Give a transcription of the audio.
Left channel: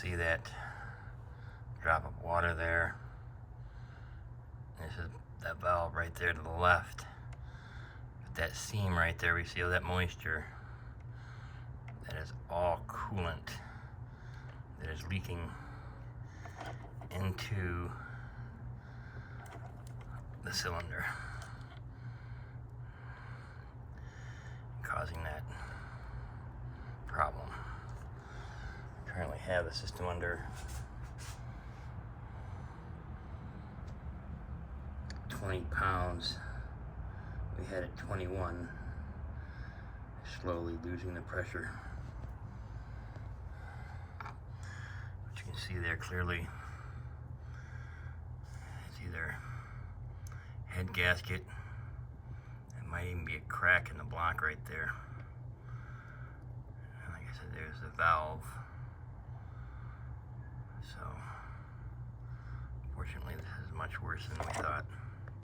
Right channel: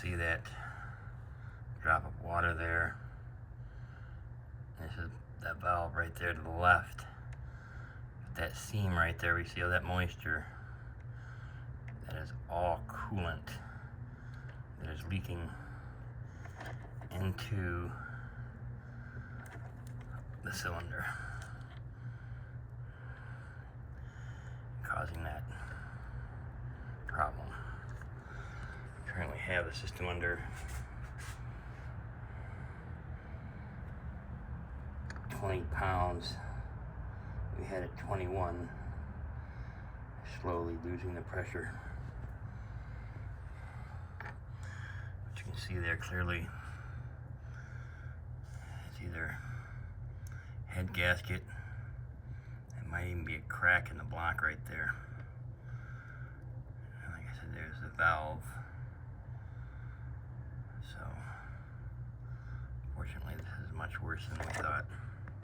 see that drop of water there. This is that valve right there to the left. That seam right there, we see all that moisture. That is all coolant that is leaking into the cylinder, causing that problem. Currently have the system under 20 pounds. We had it 21, slowly losing the pressure. But you can see there clearly, it's either head gasket, it might even be a crack in the block right there. And like I said, there's the valve. So, fortunately, this is much worse than we thought.